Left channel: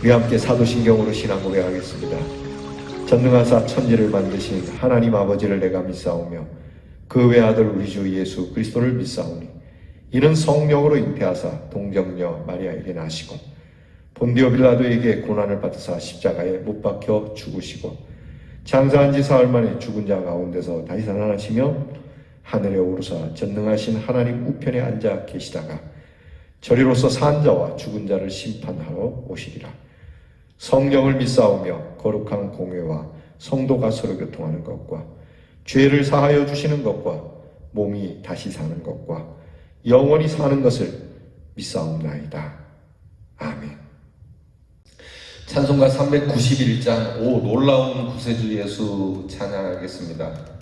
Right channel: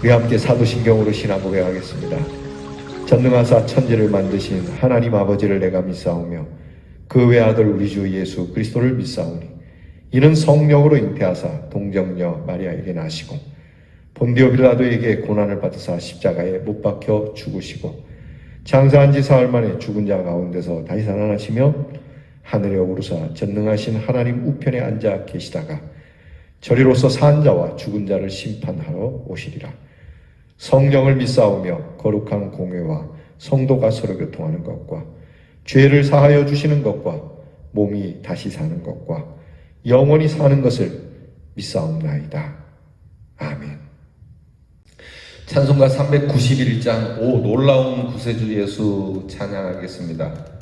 우리 함께 사도신경으로 신앙 고백하겠습니다. 전능하사 천지를 만드신 하나님 아버지를 내가 믿사오며 그 외아들 우리 주 예수 그리스도를 믿사오니 이는 성령으로 잉태하사 동정녀 마리아에게 나시고 본디오 빌라도에게 고난을 받으사 십자가에 못 박혀 죽으시고 장사한 지 사흘 만에 죽은 자 가운데서 다시 살아나시며 하늘에 오르사 전능하신 하나님 우편에 앉아 계시다가 저리로서 산 자와 죽은 자를 심판하러 오시리라. 성령을 믿사오며 거룩한 공회와 성도가 서로 교통하는 것과 죄를 사하여 주시는 것과 몸이 다시 사는 것과 영원히 사는 것을 믿사옵나이다. 아멘. 찬송가 391장 오 놀라운 구세주 예수 찬양하겠습니다.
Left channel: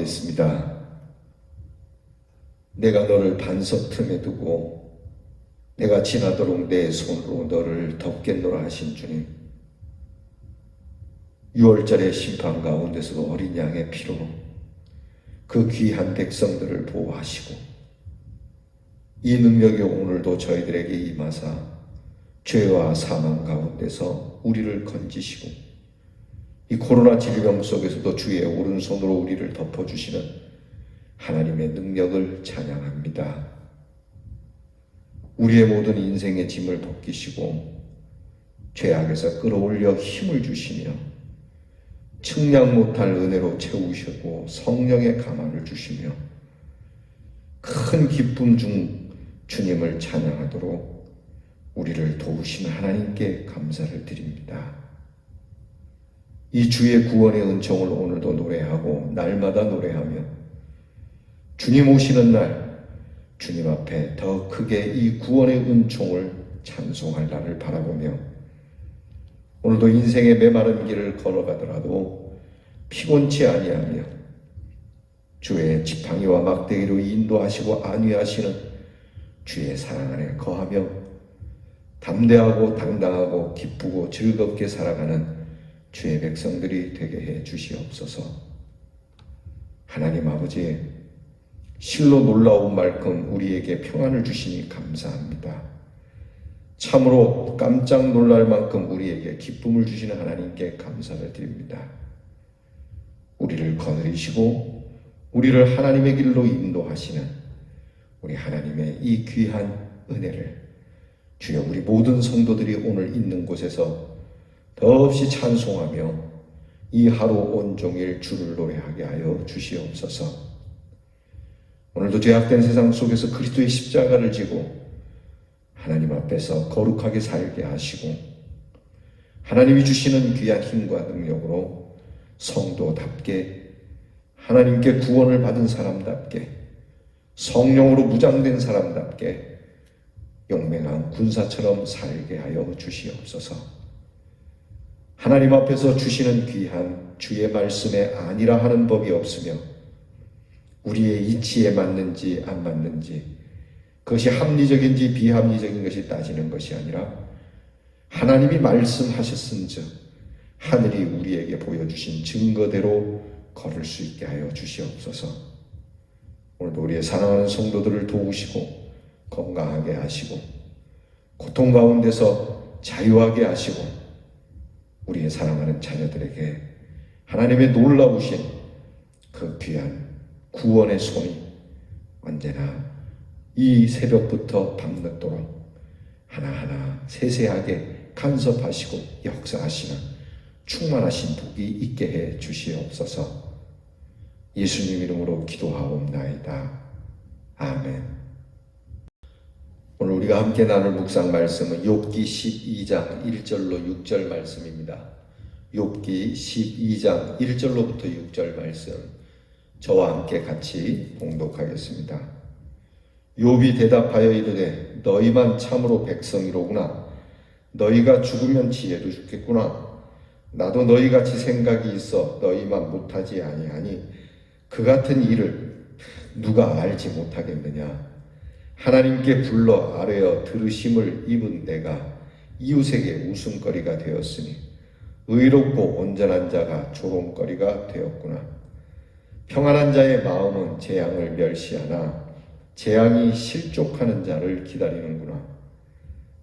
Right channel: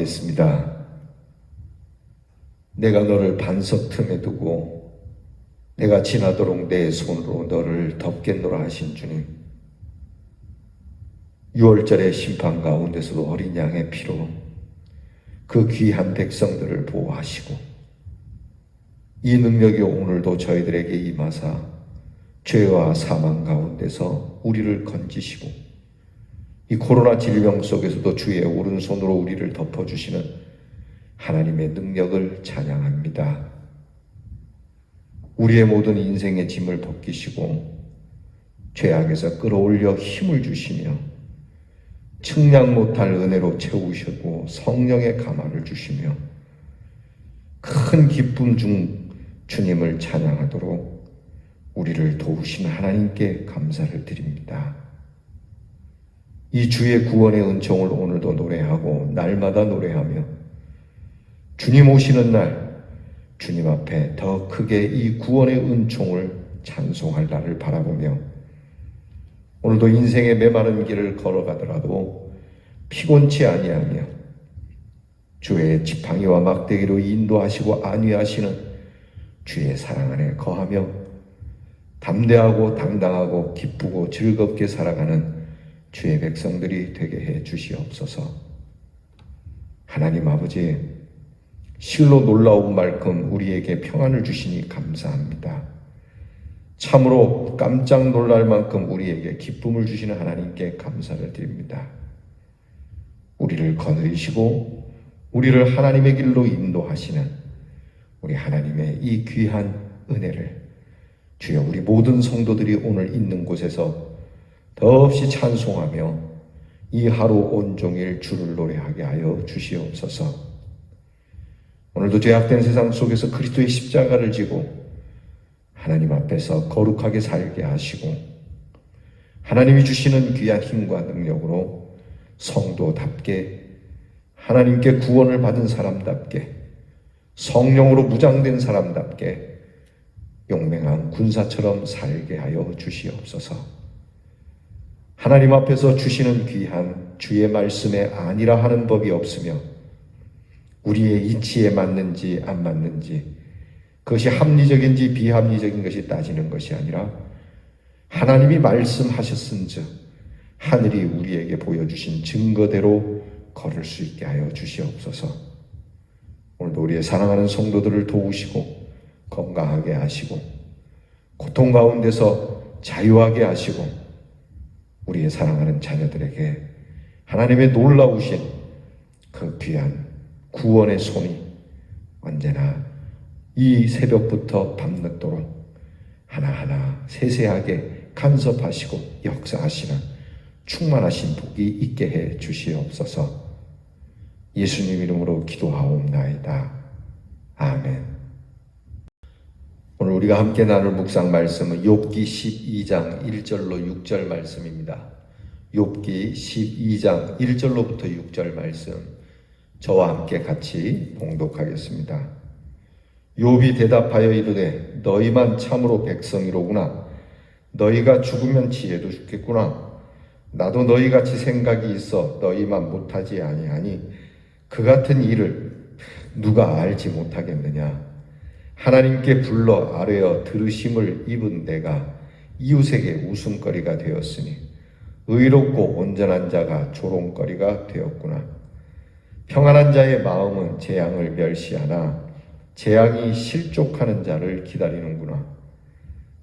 기도하겠습니다. 내가 너를 반석 틈에 두고 내가 지나도록 내 손으로 너를 덮겠노라 하신 주님, 6월절의 심판 가운데서도 어린 양의 피로 그 귀한 백성들을 보호하시고 이 능력이 오늘도 저희들에게 임하사 죄와 사망 가운데서 우리를 건지시고 이 코로나 질병 속에서도 주의 오른손으로 우리를 덮어주시는 하나님의 능력을 찬양합니다. 우리의 모든 인생의 짐을 돕기시고 죄악에서 끌어올려 힘을 주시며 측량 못할 은혜로 채우시고 성령의 강함을 주시며 큰 기쁨 중 주님을 찬양하도록 우리를 도우신 하나님께 감사를 드립니다. 이 주의 구원의 은총을 오늘도 노래하고 날마다 노래하며 주님 오시는 날 주님 앞에 더 크게 이 구원의 은총을 찬송할 날을 바라보며 오늘도 인생의 메마른 길을 걸어가더라도 피곤치 아니하며 주의 지팡이와 막대기로 인도하시고 안위하시는 주의 사랑 안에 거하며 담대하고 당당하고 기쁘고 즐겁게 살아가는 주의 백성들이 되게 해 주시옵소서. 하나님 아버지, 실로 놀라운 말씀 우리에게 평안을 주시니 감사합니다. 참으로 깜짝 놀랄 만큼 우리에게 기쁨을 주시는 하나님께 감사를 드립니다. 우리를 거느리시고 우리를 하나님의 길로 인도하시는 우리 하나님의 이 귀한 은혜를 주여 우리 모든 성도들이 오늘 있는 곳에서 더없이 찬송하며 이 하루 온종일 주를 노래하게 하여 주시옵소서. 오늘도 죄악된 세상 속에서 그리스도의 십자가를 지고 하나님 앞에서 거룩하게 살게 하시고 하나님이 주시는 귀한 힘과 능력으로 성도답게 하나님께 구원을 받은 사람답게 성령으로 무장된 사람답게 용맹한 군사처럼 살게 하여 주시옵소서. 하나님 앞에서 주시는 귀한 주의 말씀에 아니라 하는 법이 없으며 우리의 이치에 맞는지 안 맞는지 그것이 합리적인지 비합리적인 것이 따지는 것이 아니라 하나님이 말씀하셨은즉 하늘이 우리에게 보여주신 증거대로 걸을 수 있게 하여 주시옵소서. 오늘도 우리의 사랑하는 성도들을 도우시고 건강하게 하시고 고통 가운데서 자유하게 하시고 우리의 사랑하는 자녀들에게 하나님의 놀라우신 그 귀한 구원의 손이 언제나 이 새벽부터 밤늦도록 하나하나 세세하게 간섭하시고 역사하시는 충만하신 복이 있게 해 주시옵소서. 예수님 이름으로 기도하옵나이다. 아멘. 오늘 우리가 함께 나눌 묵상 말씀은 욥기 12장 1절로 6절 말씀입니다. 욥기 12장 1절로부터 6절 말씀 저와 함께 같이 봉독하겠습니다. 욥이 대답하여 이르되 너희만 참으로 백성이로구나. 너희가 죽으면 지혜도 죽겠구나. 나도 너희같이 생각이 있어 너희만 못하지 아니하니 그 같은 일을 누가 알지 못하겠느냐. 하나님께 불러 아뢰어 들으심을 입은 내가 이웃에게 웃음거리가 되었으니 의롭고 온전한 자가 조롱거리가 되었구나. 평안한 자의 마음은 재앙을 멸시하나 재앙이 실족하는 자를 기다리는구나.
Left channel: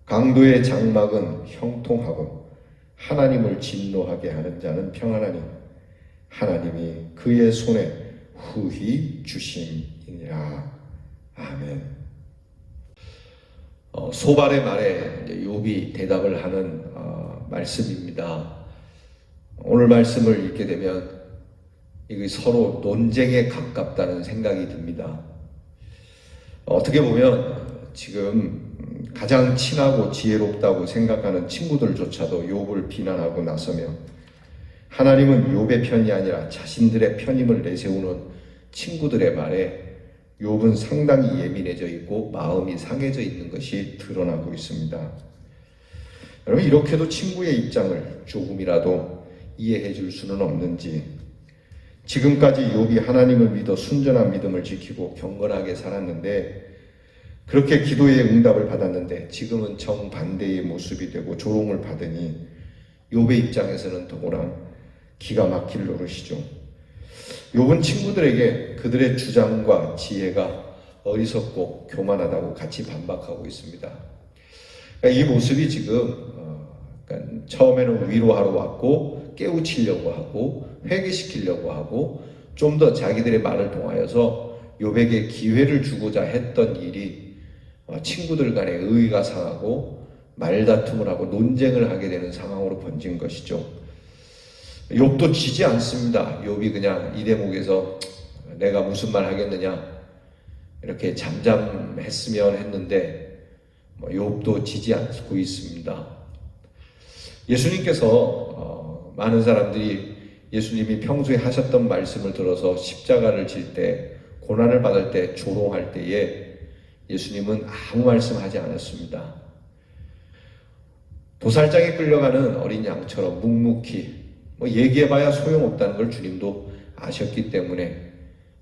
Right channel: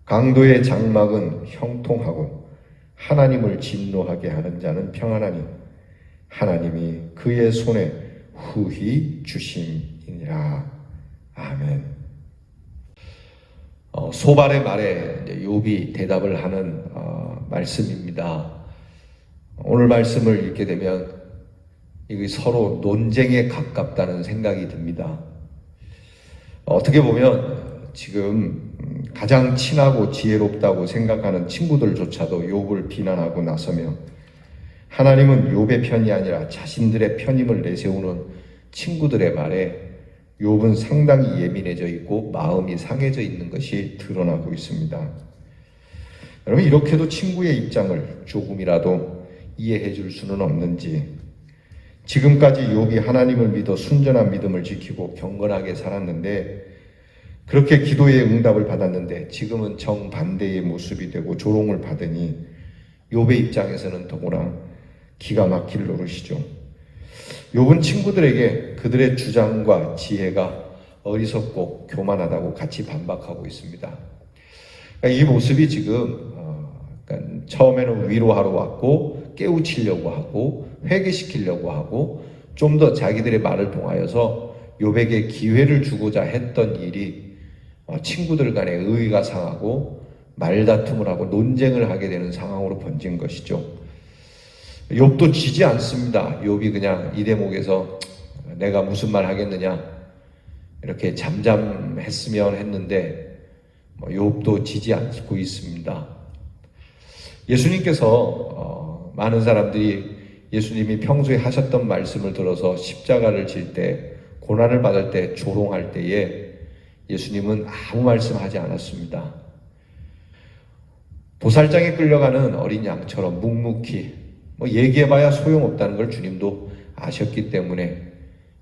강도의 장막은 형통하고 하나님을 진노하게 하는 자는 평안하니 하나님이 그의 손에 후히 주심이니라. 아멘. 소발의 말에 욥이 대답을 하는 말씀입니다. 오늘 말씀을 읽게 되면 이게 서로 논쟁에 가깝다는 생각이 듭니다. 어떻게 보면 지금 가장 친하고 지혜롭다고 생각하는 친구들조차도 욥을 비난하고 나서며 하나님은 욥의 편이 아니라 자신들의 편임을 내세우는 친구들의 말에 욥은 상당히 예민해져 있고 마음이 상해져 있는 것이 드러나고 있습니다. 여러분, 이렇게도 친구의 입장을 조금이라도 이해해 줄 수는 없는지, 지금까지 욥이 하나님을 믿어 순전한 믿음을 지키고 경건하게 살았는데 그렇게 기도의 응답을 받았는데 지금은 정반대의 모습이 되고 조롱을 받으니 욥의 입장에서는 더구나 기가 막힐 노릇이죠. 욥은 친구들에게 그들의 주장과 지혜가 어리석고 교만하다고 같이 반박하고 있습니다. 그러니까 이 모습이 지금 그러니까 처음에는 위로하러 왔고 깨우치려고 하고 회개시키려고 하고 좀 더 자기들의 말을 통하여서 욥에게 기회를 주고자 했던 일이 친구들 간에 의의가 상하고 말다툼을 하고 논쟁을 하게 되는 상황으로 번진 것이죠. 욥도 지지 않습니다. 욥이 그냥 이 대목에서 내가 무슨 말 하겠느냐 이렇게 잠잠했으면 했는데 욥도 지지 않고 있습니다. 예수님께서 많은 사람들이 예수님이 평소에 하셨던 말씀을 들어서 십자가를 질 때 고난을 받을 때 조롱할 때에 예수님은 아무 말씀하지 않았습니다. 도살장에 끌려가는 어린 양처럼 묵묵히 얘기해봐야 소용없다는 걸 주님도 아셨기 때문에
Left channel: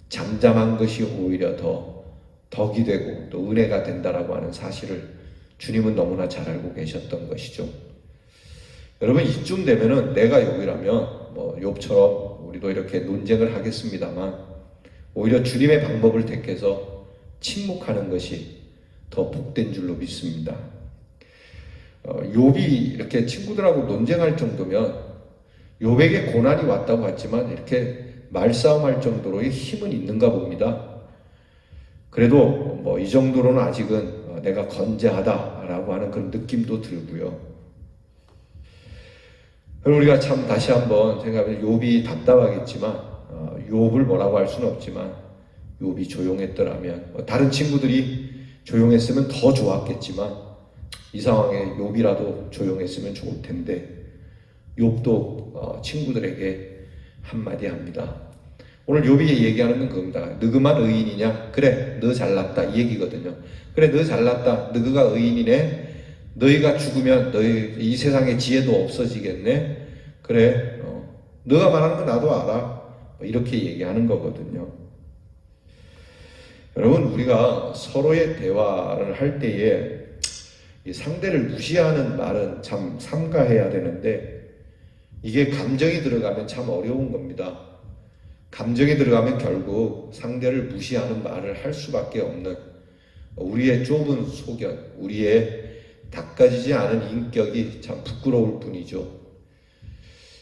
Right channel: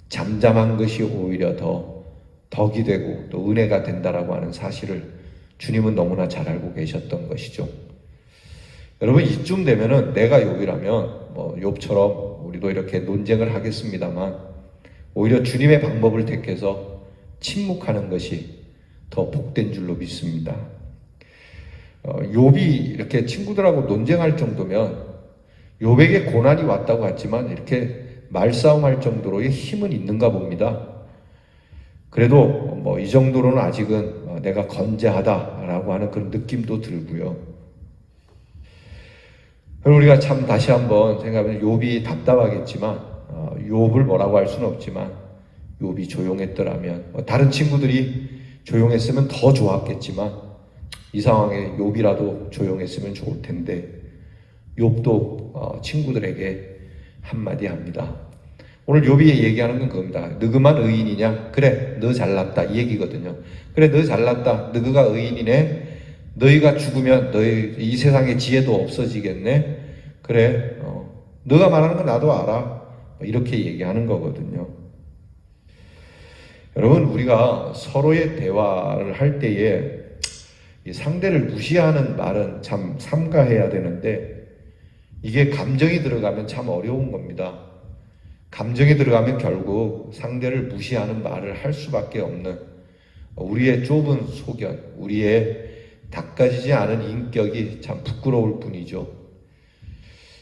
잠잠한 것이 오히려 더 덕이 되고 또 은혜가 된다라고 하는 사실을 주님은 너무나 잘 알고 계셨던 것이죠. 여러분 이쯤 되면은 내가 욥이라면 욥처럼 우리도 이렇게 논쟁을 하겠습니다만 오히려 주님의 방법을 택해서 침묵하는 것이 더 복된 줄로 믿습니다. 욥이 이렇게 친구들하고 논쟁할 정도면 욥에게 고난이 왔다고 했지만 이렇게 말싸움할 정도로의 힘은 있는가 봅니다. 그래도 이 정도로는 아직은 내가 건재하다라고 하는 그런 느낌도 들고요. 그럼 우리가 참 다시 한번 생각하면 욥이 답답하겠지만 욥을 뭐라고 할 수는 없지만 욥이 조용했더라면 다른 친구들이 조용했으면 더 좋았겠지만 이 상황에 욥이라도 조용했으면 좋을 텐데 욥도 친구들에게 한마디 합니다. 오늘 욥이 얘기하는 건 겁니다. 너그만 의인이냐? 그래, 너 잘났다 이 얘기거든요. 그래, 너 잘났다. 너가 의인이네. 너희가 죽으면 너희 이 세상에 지혜도 없어지겠네. 그래, 너가 말하는 거 나도 알아. 이렇게 얘기하는 거거든요. 여러분, 우리가 서로의 대화를 할 때에 이 상대를 무시하는 말은 참 삼가해야 되는데 이게 감정이 들어가면 참 어려운 겁니다. 감정이 들어가면 결국 상대를 무시하는 말을 할 수밖에 없는 우리의 좁은 소견, 우리의 닦아지지 않은 인격이 참 부끄러울 뿐이죠.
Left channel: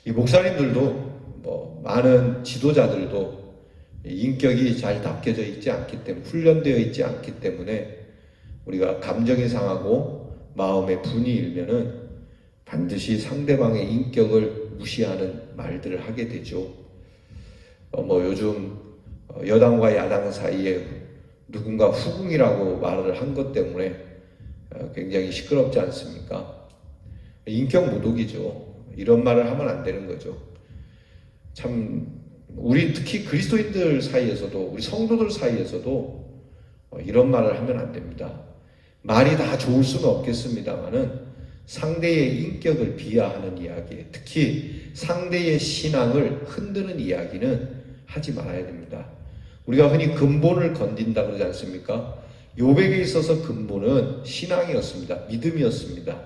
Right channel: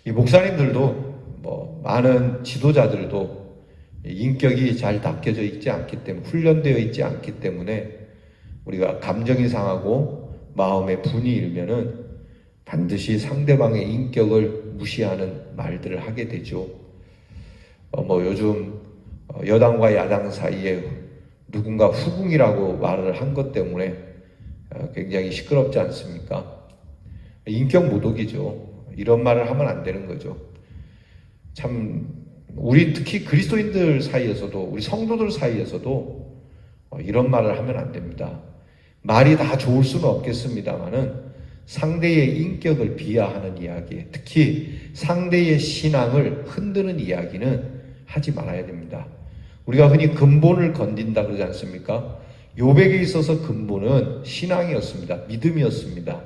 이 목사님들도 많은 지도자들도 인격이 잘 닦여져 있지 않기 때문에 훈련되어 있지 않기 때문에 우리가 감정이 상하고 마음에 분이 일면은 반드시 상대방의 인격을 무시하는 말들을 하게 되죠. 요즘 여당과 야당 사이에 누군가 후궁이라고 말을 한 것 때문에 굉장히 시끄럽지 않습니까? 인격 모독이죠. 이런 말을 하면 안 되는 거죠. 참 우리 특히 그리스도인들 사이에서도 우리 성도들 사이에서도 이런 말을 하면 안 됩니다. 말이 다 좋을 수는 없겠습니다만은 상대의 인격을 비하하는 이야기, 특히 상대의 신앙을 흔드는 이야기는 하지 말아야 됩니다. 우리가 흔히 근본을 건든다 그러지 않습니까? 욥에게 있어서 근본은 신앙이었습니다. 믿음이었습니다.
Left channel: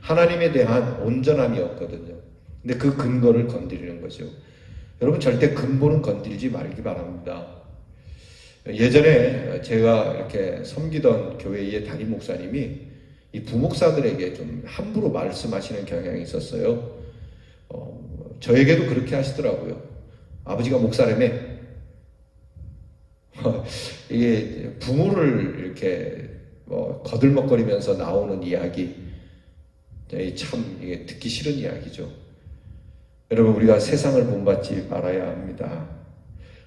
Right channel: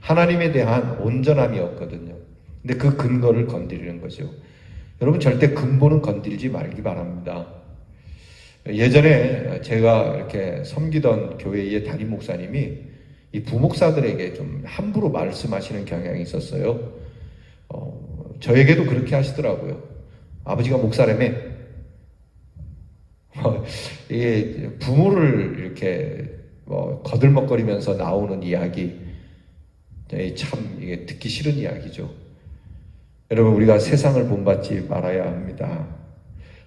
하나님에 대한 온전함이었거든요. 근데 그 근거를 건드리는 거죠. 여러분 절대 근본은 건드리지 말기 바랍니다. 예전에 제가 이렇게 섬기던 교회의 담임 목사님이 이 부목사들에게 좀 함부로 말씀하시는 경향이 있었어요. 저에게도 그렇게 하시더라고요. 아버지가 목사라며 이게 부모를 이렇게 거들먹거리면서 나오는 이야기 참 이게 듣기 싫은 이야기죠. 여러분 우리가 세상을 본받지 말아야 합니다.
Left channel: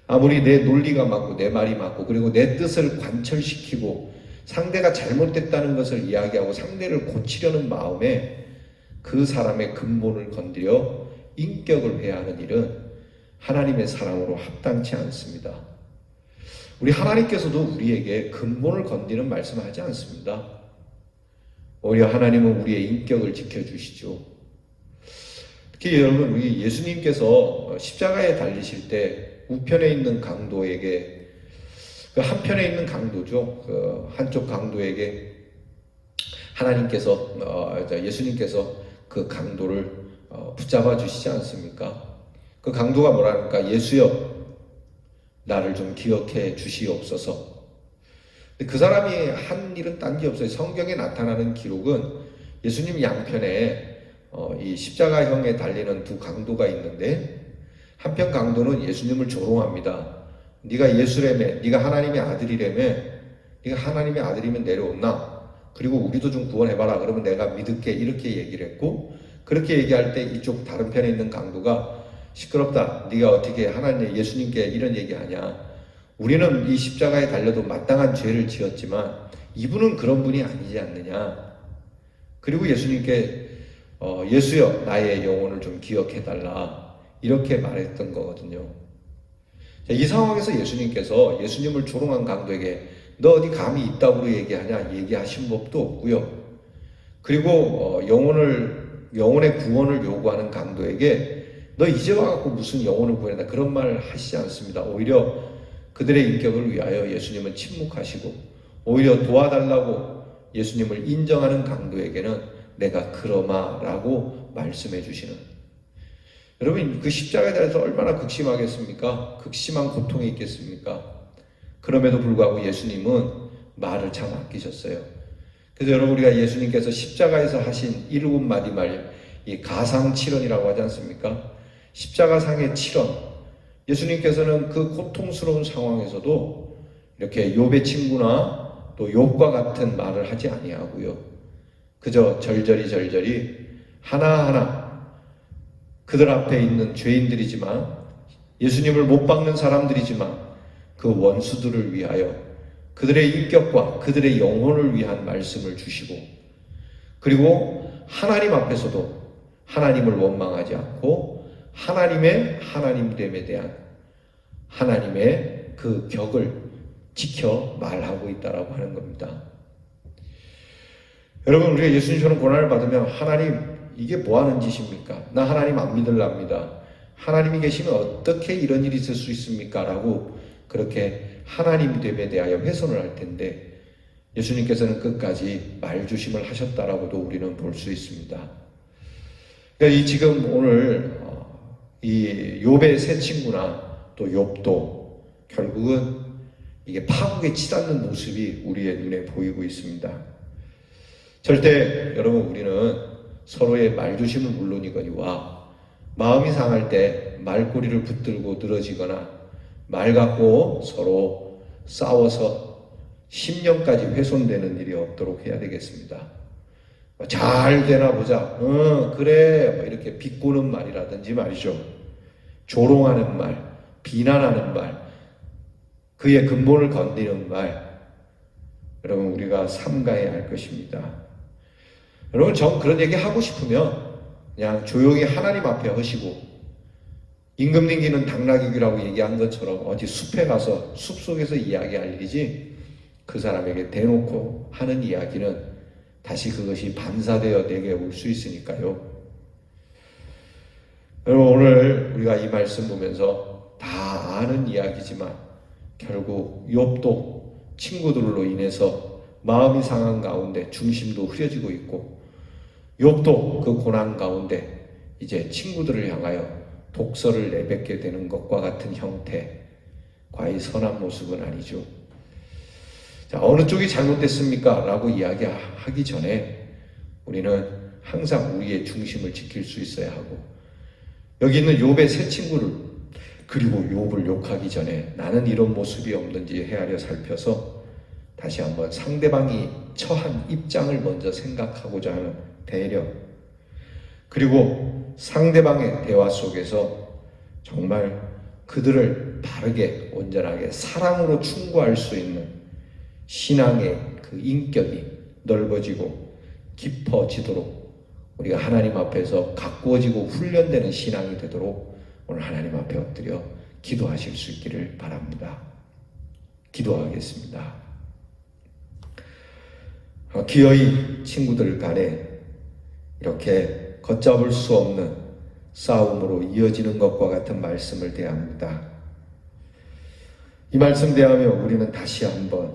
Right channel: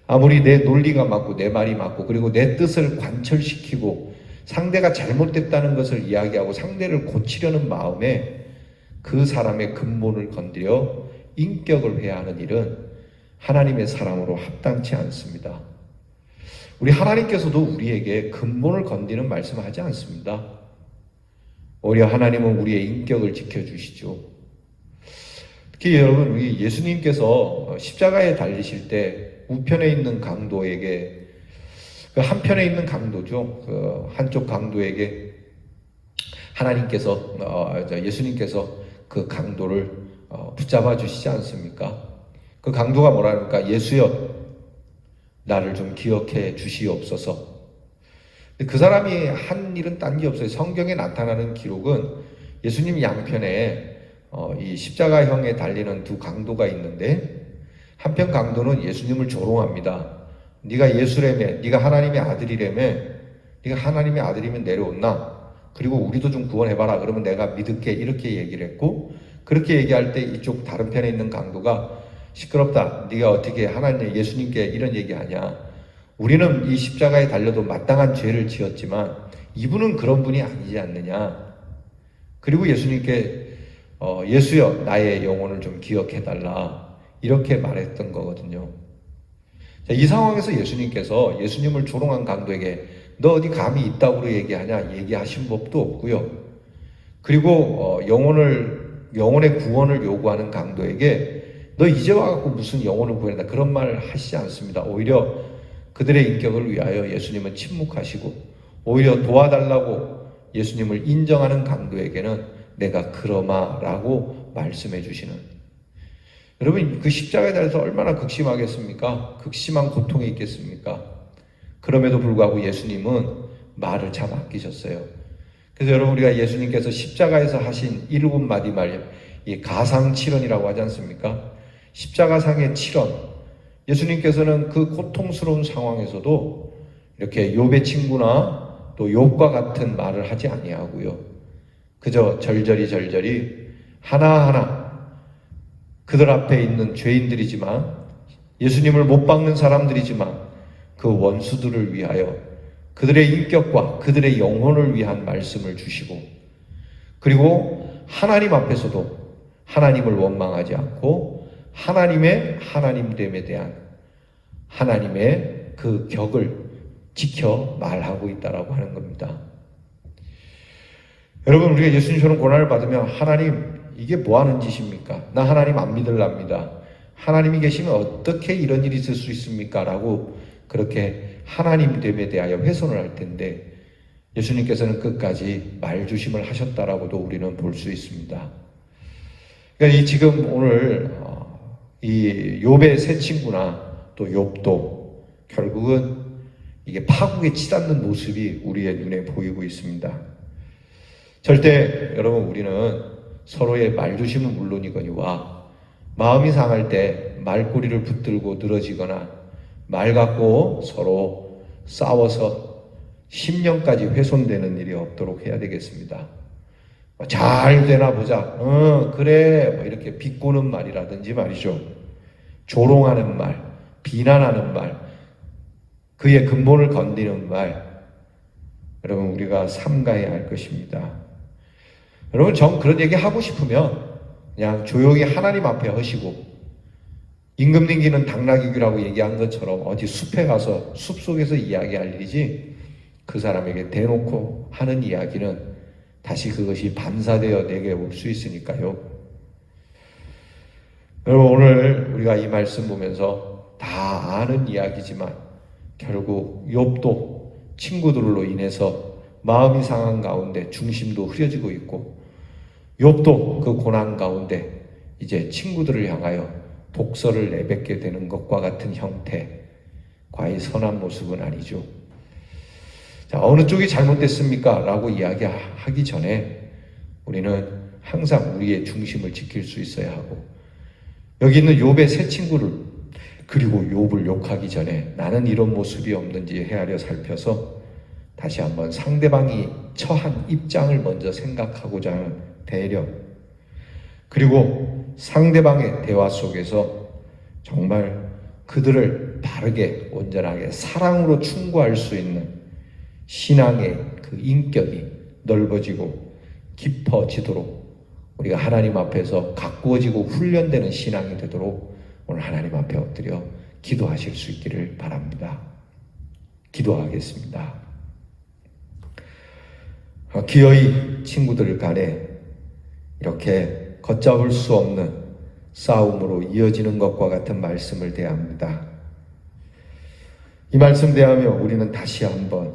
아무리 내 논리가 맞고 내 말이 맞고 그리고 내 뜻을 관철시키고 상대가 잘못됐다는 것을 이야기하고 상대를 고치려는 마음에 그 사람의 근본을 건드려 인격을 회하는 일은 하나님의 사랑으로 합당치 않습니다. 우리 하나님께서도 우리에게 근본을 건드리는 말씀을 하지 않습니다. 오히려 하나님은 우리의 인격을 지켜주시죠. 특히 여러분 우리 예수님께서 십자가에 달리실 때 우편에 있는 강도에게, 그 한편에 있는 강도죠. 그 한쪽 강도에게 하나님께서 예수님께서 그 강도를 붙잡아 주시지 않습니까? 그 강도가 뭐라니까, 예수여 나를 좀 기억해 주시옵소서. 그 사람이 한 일은 딴 게 없어요. 성경에 나타나는 기록은 예수님 양편에 이 십자가형에 달리는 두 강도가 있는데, 한편 강도는 예수님을 조롱합니다. 네가 예수라며, 네가 하나님의 아들이라며, 네가 하나님의 아들이면 내려온나? 그리고 우리도 좀 구원해봐라. 그러면 내가 믿을게. 이렇게 얘기를 했고, 그렇게 얘기할 때 이쪽 다른 편에 있는 강도가 시끄럽다. 네가 어떻게 하나님 예수님께 이런 얘기하냐? 우리는 이 십자가에 달려도 마땅한 죄를 지었지만 이분은 그런 분이 아니지 않느냐? 그리고 예수님께 예수여 나의 영혼을 좀 기억해달라 이렇게 말했던 거거든요. 이 상황에서 예수님을 조롱한 강도에게 너 어디 감히 이따구로 얘기하냐 얘기하신 법도 없고요. 그리고 영혼의 구원을 요구하는 강도에게 너 이제 와갖고 무슨 영혼을 구해라 그런 말을 하시지 않습니다. 오히려 그들의 인격을 위하여 예수님은 침묵하시고, 오히려 도와달라고 예수님을 인정하는 강도에게는 내가 그러마라고 말씀해 주시는. 여러분, 그 십자가에 대해서 얼마나 극심하겠습니까? 극심한 고통이 있겠습니까? 그럼에도 불구하고 예수님은 말을 참 아끼셨어요. 그래서 여러분, 우리가 예수님께서 십자가에서 하신 7마디 말, 이 가상칠언이라고 하지 않습니까? 십자가상의 7언. 예수님께서는 그 고통스러운 상황에서도 이렇게 욥의 친구나 또 욥과 같은 말을 하지 아니하고요. 그저 절절히 하나하나 그들 앞에 있는 죄인들이지만, 예수님을 못 박는 사람들이지만 그 원수들을 위하여 그들의 인격과 그들의 영혼을 위한 말씀을 주시고, 그리고 하나님 앞에서도 하나님을 원망하지 않고 하나님의 하나님됨에 대한 하나님의 그 격을 지켜 말하고 있다라고 하는 겁니다. 여러분, 우리가 예수님처럼 고난을 받으면 하나님 이게 뭐 하는 짓입니까? 나 하나님 안 믿으랍니다. 하나님이 계시면 어떻게 이런 일이 있을 수 있습니까? 라고 그렇게 하나님됨에 대하여 훼손을 할 텐데, 예수님께서는 끝까지 말주심을 하셨다라고도 우리는 볼 수 있습니다. 그러니까 지금 오늘 이 욥의 세 친구나 또 욥도 결국은 이게 파국에 치닫는 모습이 우리의 눈에 보이고 있습니다. 절대 여러분, 우리는 서로의 말조심은 물론이거니와 마음이 상할 때 말꼬리를 붙들고 늘어지거나 말 갖고 서로 싸워서 심령까지 훼손되는 일이 없도록 해야 되겠습니다. 잘 되나 보자. 그래. 이렇게 비꼬는 말이라든지 말이죠. 조롱하는 말, 비난하는 말, 그의 근본을 건드리는 말, 여러분 우리가 삼가해야 할 것입니다. 여러분, 그런 얘기 하고 싶으면 그냥 조용히 하나님 앞에 하시고, 임금님기는 당나귀라고 얘기한 것처럼 어디 숲에 가서 숲속에서 이야기할 일이지, 그 사람에게 대놓고 하는 이야기는 다시 그것이 반사되어 내게 올 수 있으니까요. 여러분, 오늘 우리가 이 말씀 보면서 다 아는 이야기지만 결국 욥도 친구들로 인해서 마음이 상한 가운데 중심도 흐려지고 있고, 욥도 그 고난 가운데 이제 친구들을 향하여 독서를 내뱉게 되는 것과 같은 형태, 과히 선한 모습은 아니죠. 자, 어느 쪽이 잘못됐습니까? 라고 이야기하기 전에 우리는 항상 우리의 중심을 지킬 수 있어야 하고, 여기 있는 욥의 세 친구를, 그리고 욥을 욕하기 전에 나는 이런 모습이 없는지 헤아려 살펴서 다시 한번 상대방이 처한 입장을 먼저 생각하고자 하는 배려, 그리고 상대방의 대화 속에서 정말 그들을 바르게 온전하게 사랑으로 충고할 수 있는 신앙의 그 인격이 넓어지고 깊어지도록 우리가 하나님 앞에서 가꾸어지고 훈련되는 신앙이 되도록 오늘 하나님 앞에 엎드려 기도하실 수 있기를 바랍니다. 기도하겠습니다. 기어이 친구들 간에 이렇게 걷잡을 수 없는 싸움으로 이어지는 것과 같은 말씀을 대합니다. 이 말씀 대하며 우리는 다시 한번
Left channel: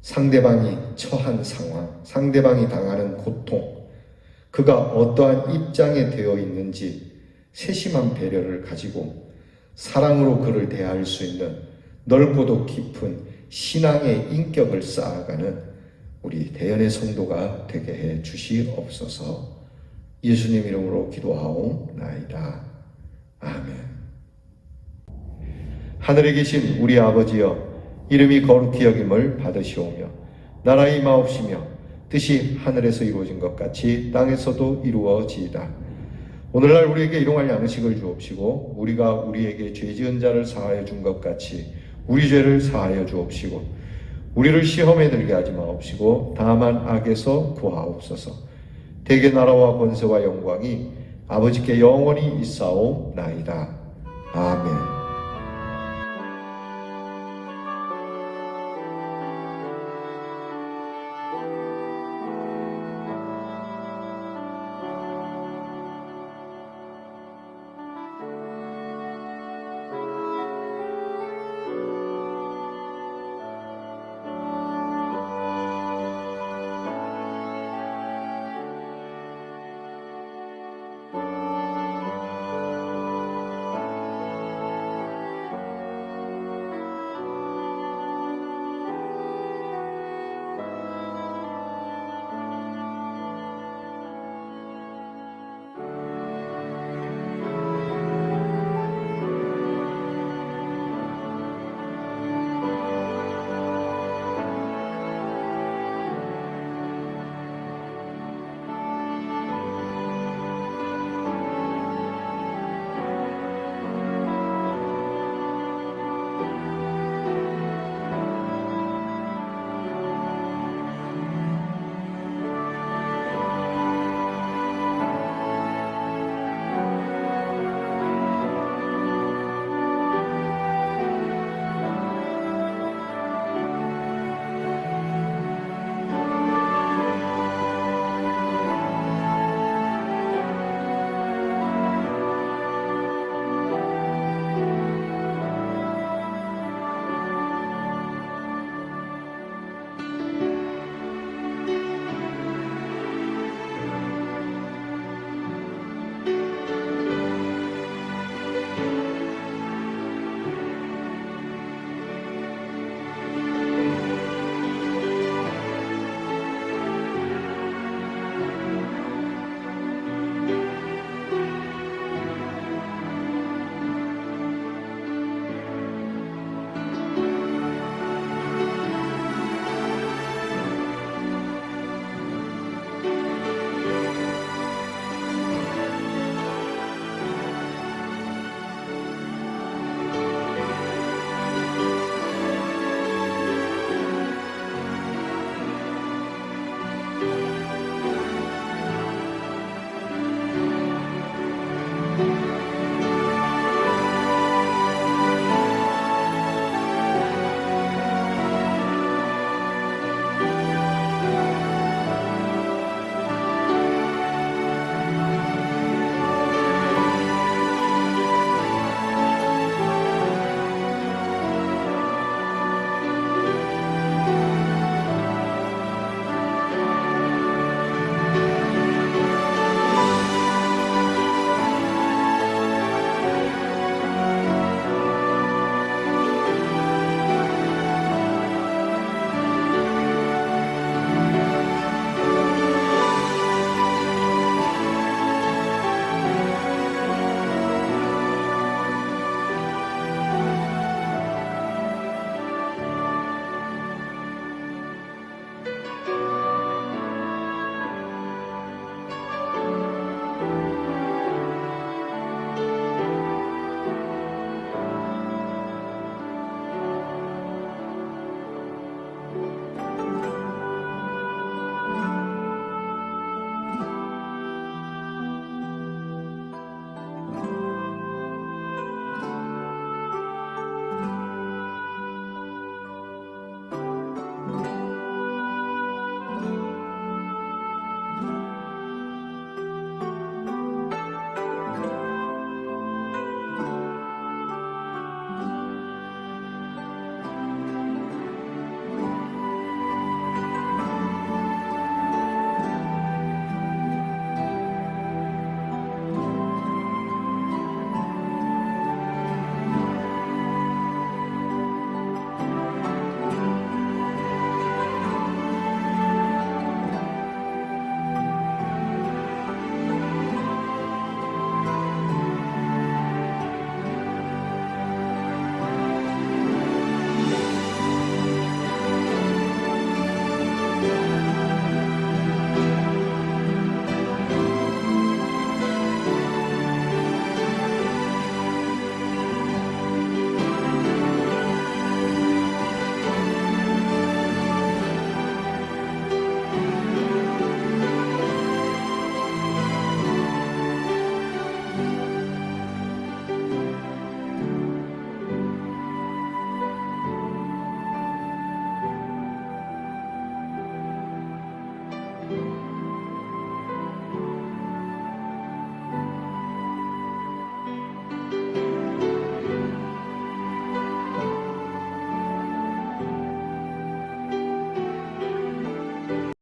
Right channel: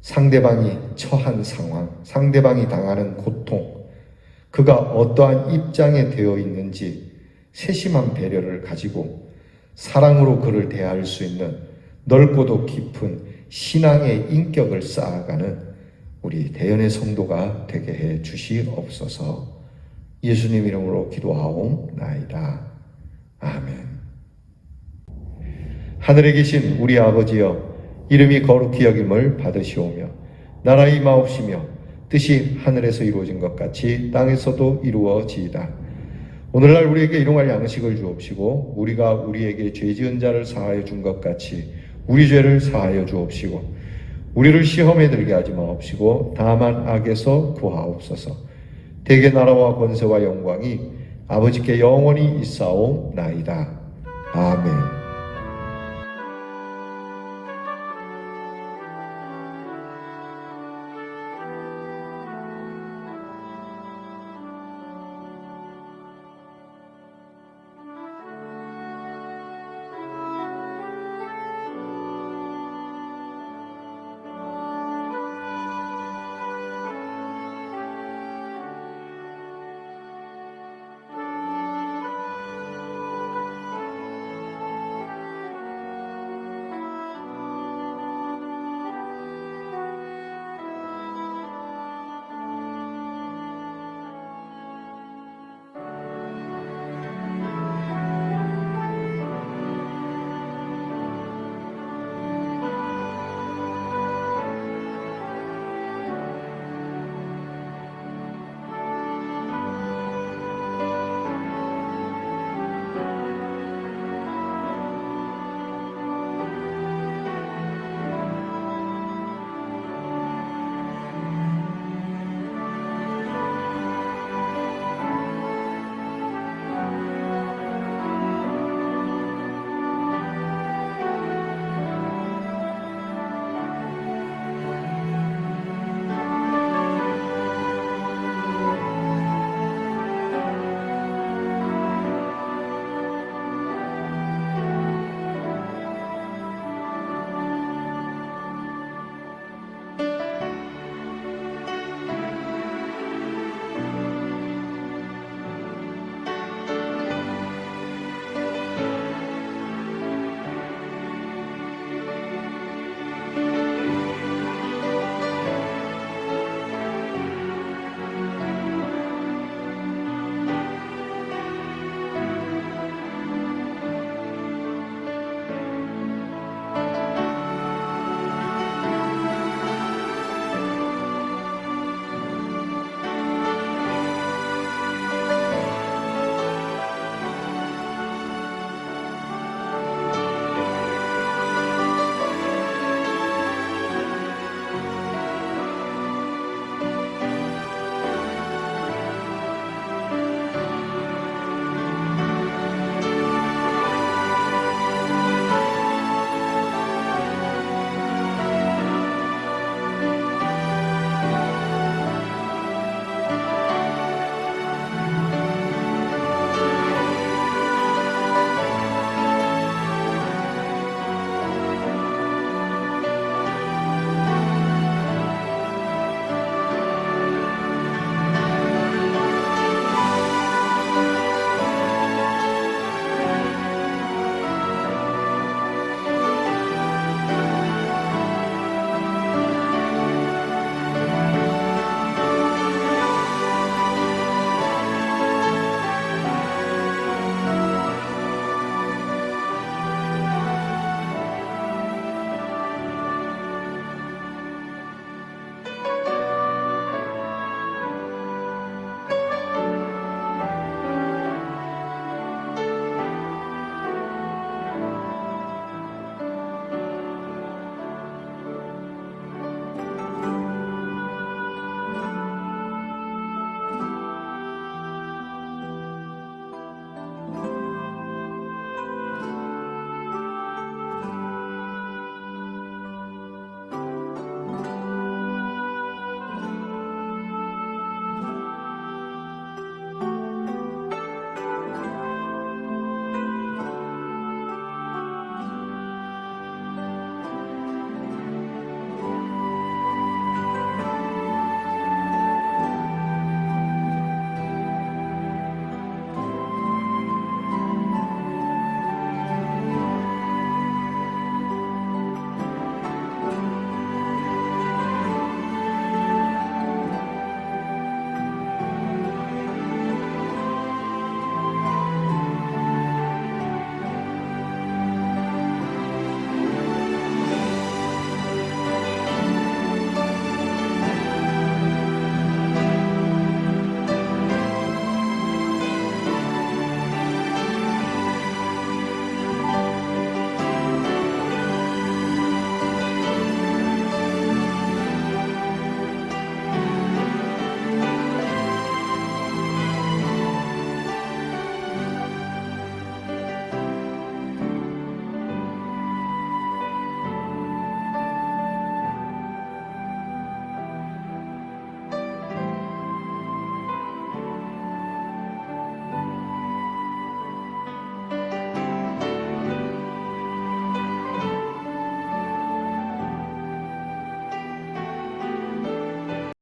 상대방이 처한 상황, 상대방이 당하는 고통, 그가 어떠한 입장에 되어 있는지 세심한 배려를 가지고 사랑으로 그를 대할 수 있는 넓고도 깊은 신앙의 인격을 쌓아가는 우리 대연의 성도가 되게 해 주시옵소서. 예수님 이름으로 기도하옵나이다. 아멘. 하늘에 계신 우리 아버지여, 이름이 거룩히 여김을 받으시오며 나라 임하옵시며 뜻이 하늘에서 이루어진 것 같이 땅에서도 이루어지이다. 오늘날 우리에게 일용할 양식을 주옵시고 우리가 우리에게 죄 지은 자를 사하여 준 것 같이 우리 죄를 사하여 주옵시고 우리를 시험에 들게 하지 마옵시고 다만 악에서 구하옵소서. 대개 나라와 권세와 영광이 아버지께 영원히 있사옵나이다. 아멘.